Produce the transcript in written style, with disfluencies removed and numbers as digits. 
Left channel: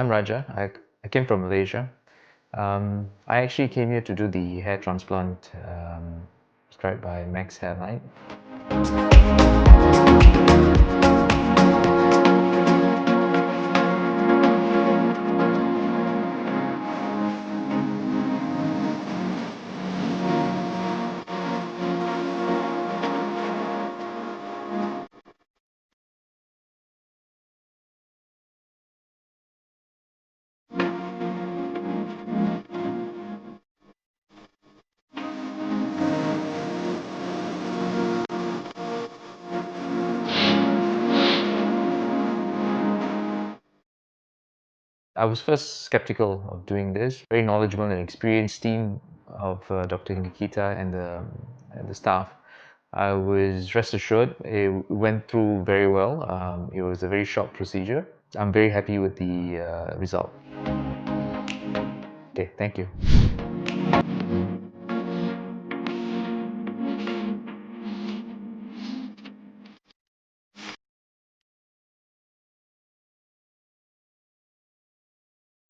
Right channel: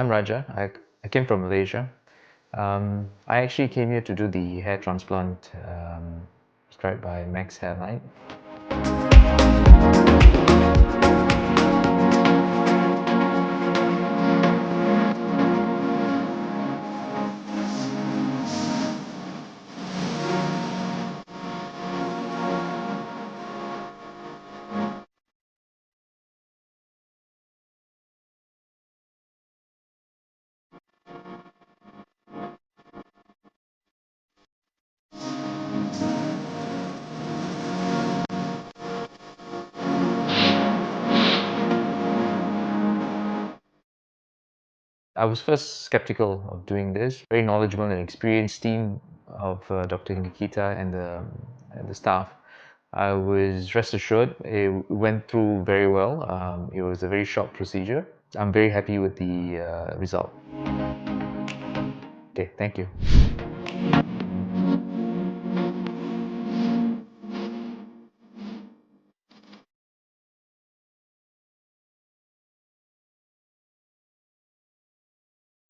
I'm Raja. I came from Malaysia. I actually came here to do the hair transplant prescribed by Max Hairline. I was first skeptical of doing this. Very knowledgeable and experienced team of Dr. Nikita and the staff. I was rest assured it went through very well. It was a very short procedure. I'm very happy with the result. Okay, thank you.